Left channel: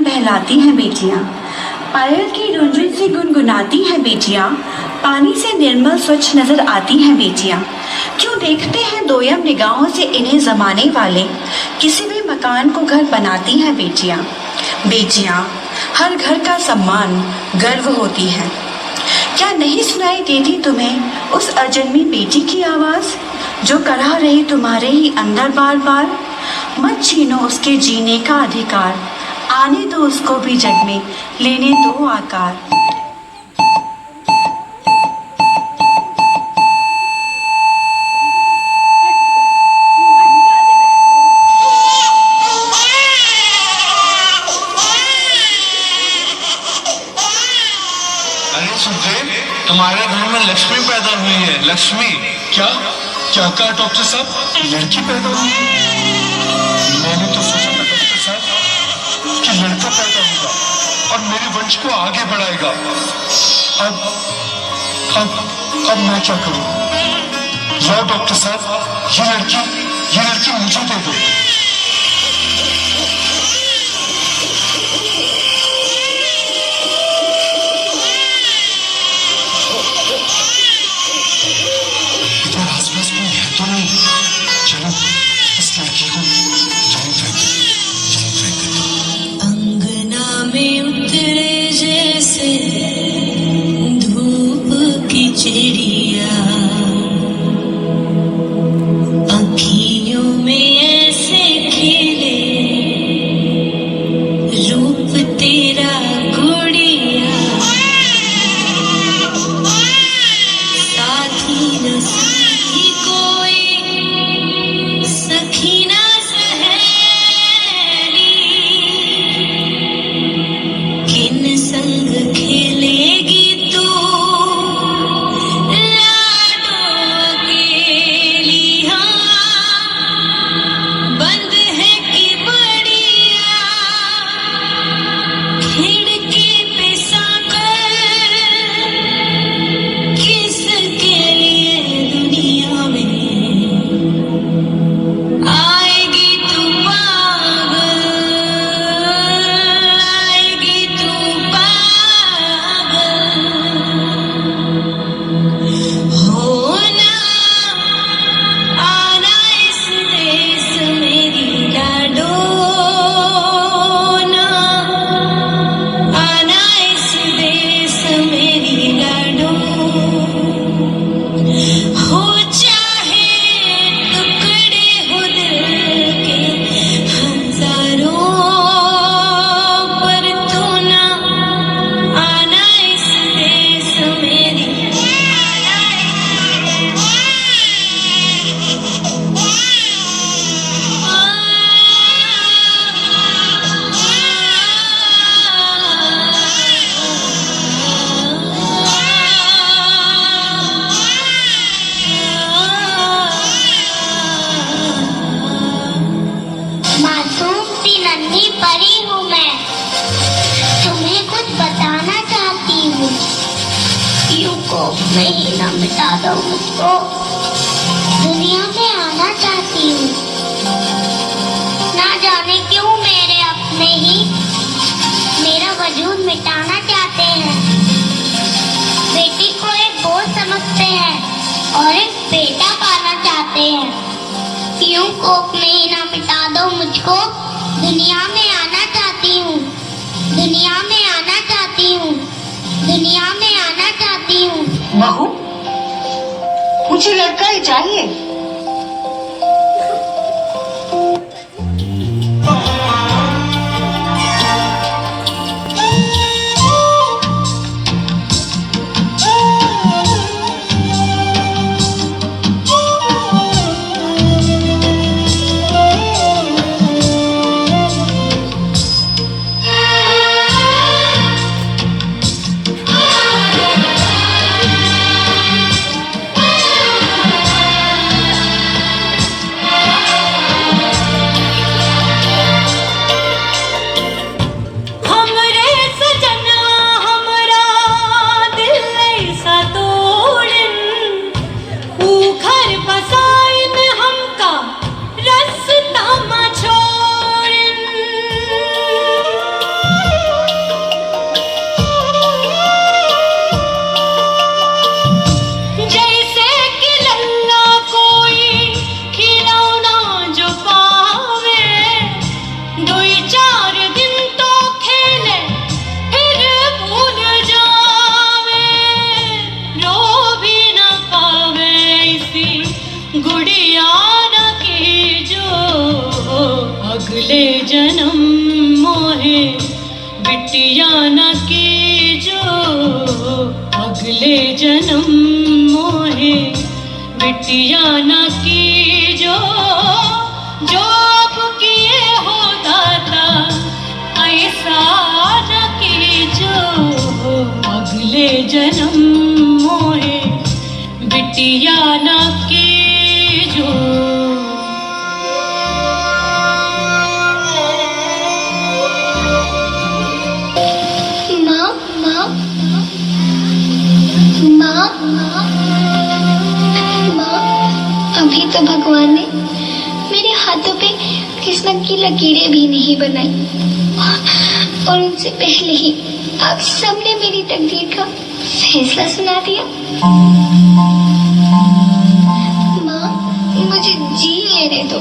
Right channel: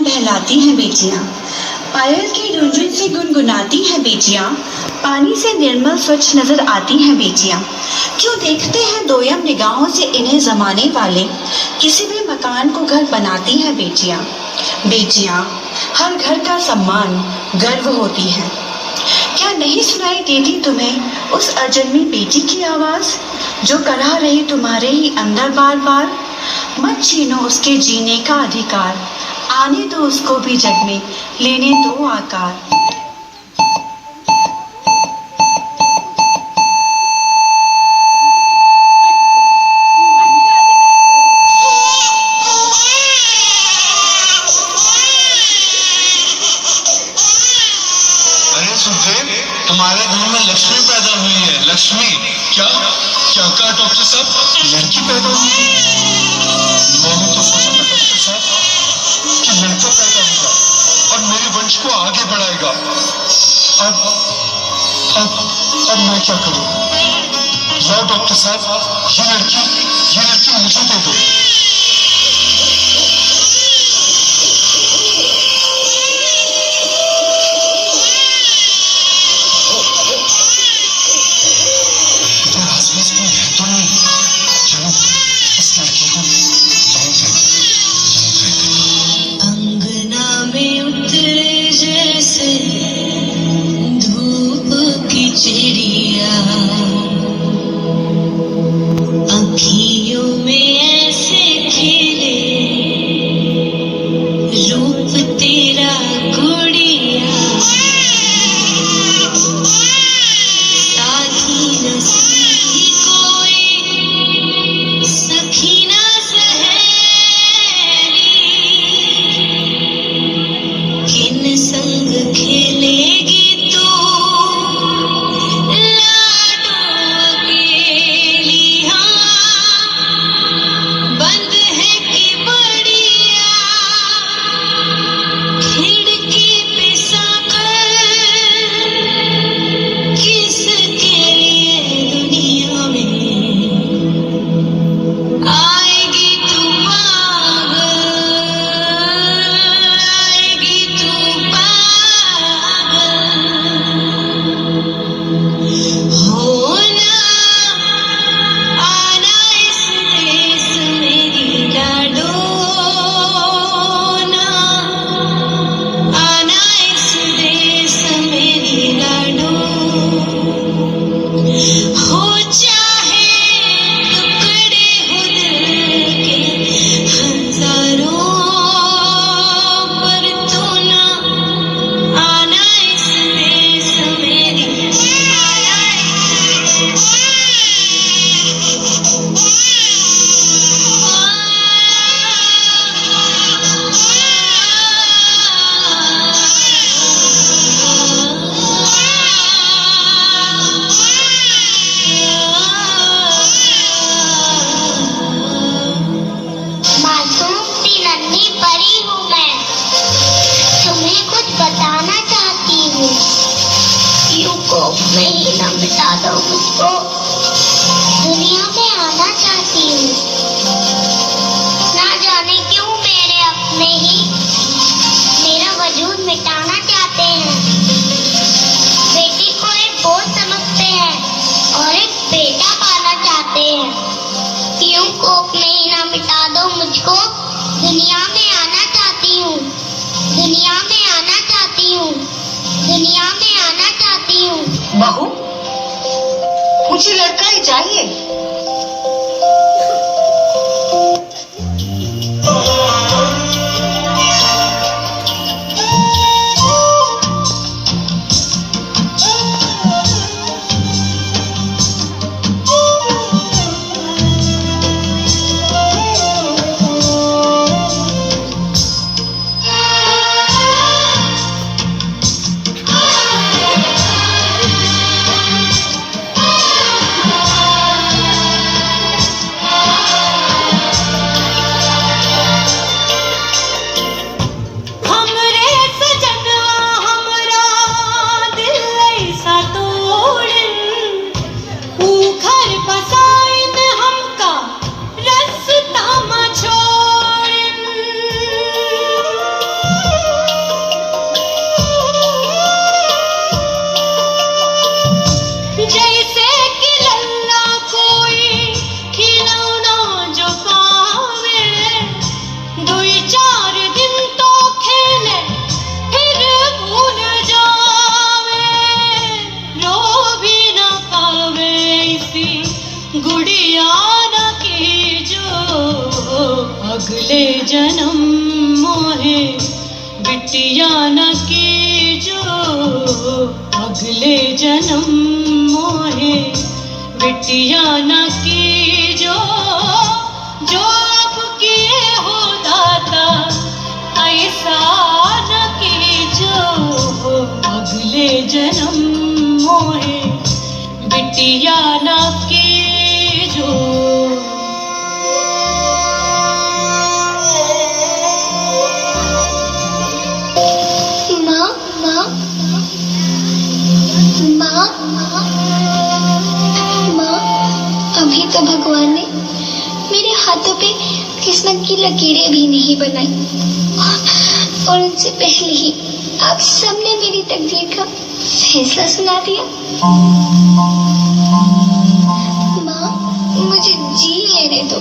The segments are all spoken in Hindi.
मन बहलाती हैं बेटियां, पायल की रुंझुन से गुनगुनाती हैं बेटियां, पानी से निर्मल स्वच्छ नजर आती हैं बेटियां। क्यों देखते हैं दोयम निगाहों से इन्हें जमाने वाले, किसी भी मकान को घर बनाती हैं बेटियां। बेटियां हर घर का सम्मान गर्व होती हैं। क्या नहीं सुनाई देती तुम्हें उस अजन्मी बेटी की आवाज, जो कढ़ा रही तुम्हारे ही अंदर बार बार? मत छीनो उसके जीने का अधिकार, आने दो उसको भी जग में, लेने दो आकार। अरे सुजय, तुम्हारे घर में लक्ष्मी पैदा हुई है। लक्ष्मी। क्या क्या कहा डॉक्टर साहब? लड़की पैदा हुई? मैंने तो सोचा था डॉक्टर साहब कि लड़का पैदा होगा और मेरे वंश को आगे बढ़ाएगा। अब अब मैं क्या करूं? लाओ डॉक्टर साहब, ये लड़की मुझे दे दो। अंगना में उतरे जैसे धूप की चिड़िया, अखियों में ऐसे खिले रूप तेरा गुड़िया, साथी न सही कोई सखी न सहेली, किन संग खेलेगी तू लाडो अकेली। हाँ बंद है कि बढ़िया खिड़की पे सांकल, किसके लिए दुनिया में आएगी तू पागल, आएगी तू पागल। होना आना इस देश मेरी लाडो, ना आना इस देश मेरी लाडो। हो चाहे टुकड़े हो दिल के हजारों, पर तू ना आना इस देश मेरी। मासूम सी नन्ही परी हूँ मैं, तुम्हें कुछ बताना चाहती हूँ। यूं कोप में ही न मिटा दो मुझको, दुनिया में आना चाहती हूँ। ना जाने क्यों मेरे अपने ही मेरा वजूद मिटाना चाहते हैं। बेटी को एक बोझ समझते हैं और एक बेटा पाना चाहते हैं। यूं कोप में ही ना मिटा दो मुझको, दुनिया में आना चाहती हूँ, दुनिया में आना चाहती हूँ, दुनिया में आना चाहती हूँ। बहू, मुझे लड़का ही चाहिए। अगले जन्म मोहे बिटिया न की जो, अगले जन्म मोहे बिटिया न की जो, जो आप किए हो दाता ऐसा न कीजो, अगले जन्म मोहे बिटिया न कीजो। माँ माँ माँ माँ, अभी तो भगवान ने मेरे हाथों पे किस्मत की लकीरें भी नहीं बनाई, और उनसे पहले ही आप सबने मेरी तकदीर का फैसला सुना दिया। माँ, मुझे जी लेने दो,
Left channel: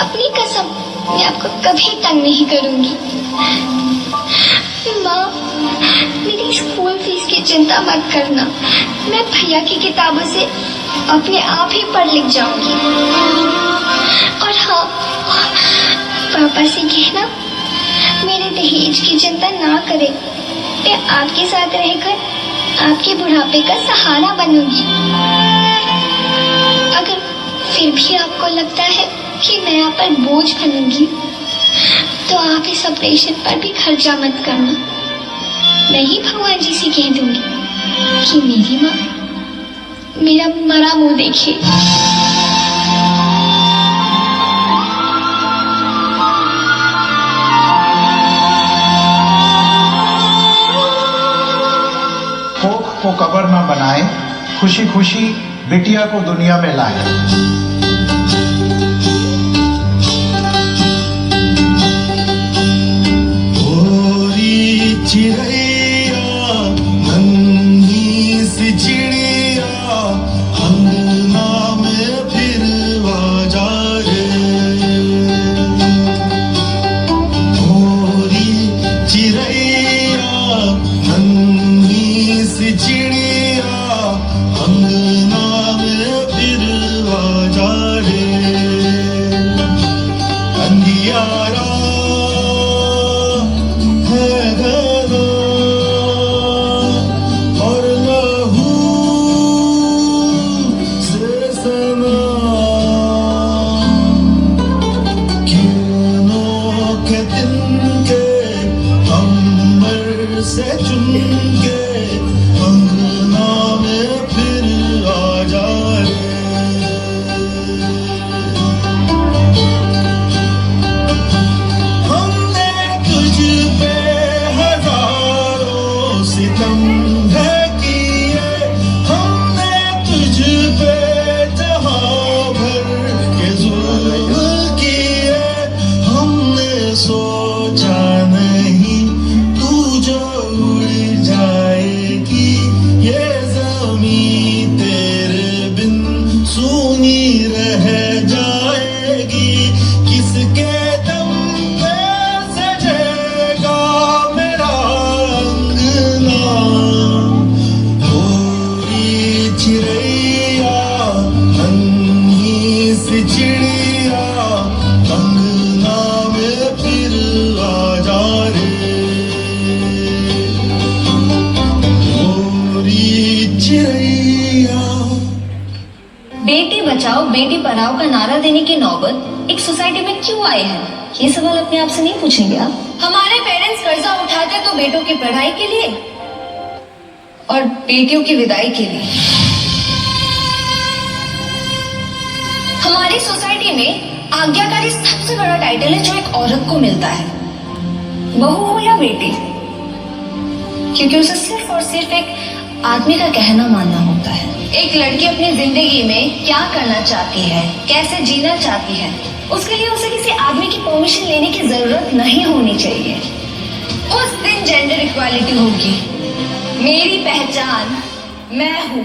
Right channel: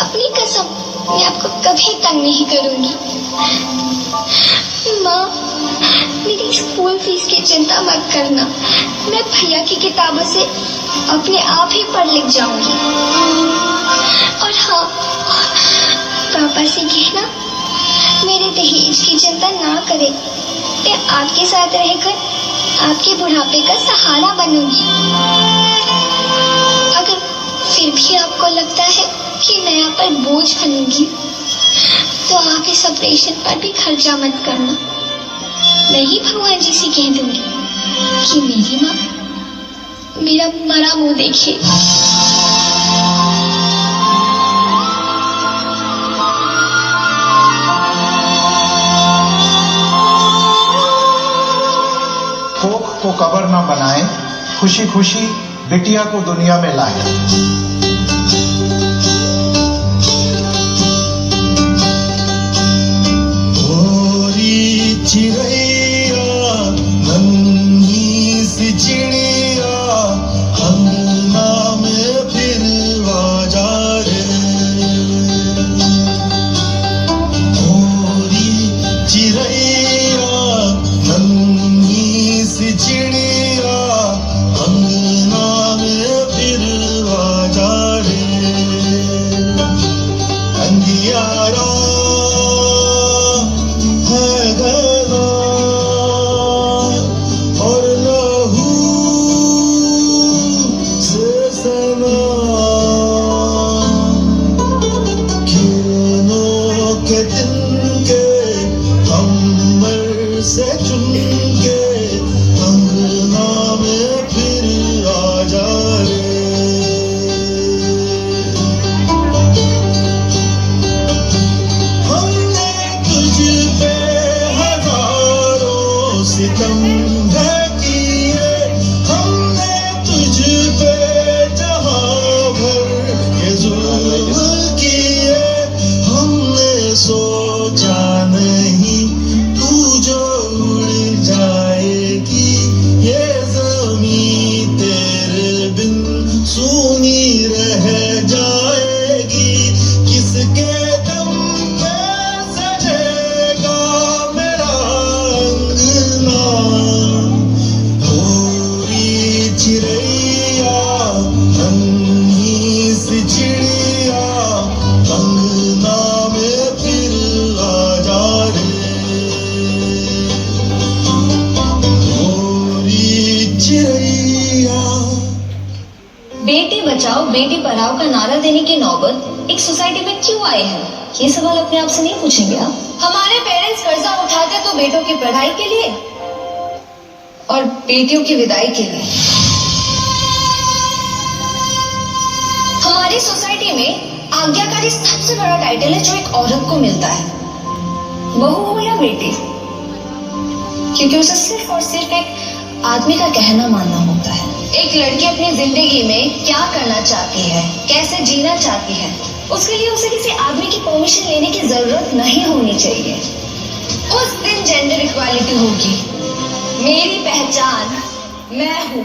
अपनी कसम मैं आपको कभी तंग नहीं करूंगी। माँ, मेरी स्कूल फीस की चिंता मत करना, मैं भैया की किताबों से अपने आप ही पढ़ लिख जाऊंगी। और हाँ, पापा से कहना मेरे दहेज की चिंता ना करे, मैं आपके साथ रहकर आपके बुढ़ापे का सहारा बनूंगी। अगर फिर भी आपको लगता है कि मैं आप पर बोझ बनूंगी, तो आप इस ऑपरेशन पर भी खर्चा मत करना। मैं ही भगवान जी से कह दूंगी कि मेरी माँ मेरा मरा मुंह देखे। कोख को कबर न बनाए, खुशी खुशी बिटिया को दुनिया में लाए। चिड़ैया नन्ही सी चिड़िया अंगना में फिर आजा रे, मोरी चिड़ैया नन्ही सी चिड़िया अंगना में फिर आजा रे, अंधियारा है घना और लहू से सना, किरणों के दिन के अंबर से चुन के अंगना में फिर आजा रे। हमने तुझ पे हजारों सितम है किए, हमने तुझ पे जहां भर के जुल्म किए, हमने सोचा नहीं तू जो उड़ जाएगी, ये ज़मीं तेरे बिन सूनी रह जाएगी, किसके दम पे सजेगा मेरा अंगना, गोरी चिड़ैया नन्ही सी चिड़िया अंगना में फिर आजा रे, गोरी चिड़ैया। बेटी बचाओ बेटी पढ़ाओ का नारा देने की नौबत एक सोसाइटी में क्यों आए हैं? ये सवाल अपने आप से नहीं पूछेंगे आप? हमारे पेरेंट्स कर्जा उठाते तो बेटों की पढ़ाई के लिए और बेटियों की विदाई के लिए। हमारी सोसाइटी में आज्ञाकारी सबसे बड़ा टाइटल है जो एक औरत को मिलता है, बहू हो या बेटी, क्योंकि उसे सिर्फ और सिर्फ एक आदमी का कहना मानना होता है। एक लड़की अपनी जिंदगी में क्या करना चाहती है, कैसे जीना चाहती है, उसके लिए उसे किसी आदमी की परमिशन लेने की जरूरत नहीं होनी चाहिए। उस दिन जेंडर इक्वालिटी होगी। मेरी पहचान मैं हूँ।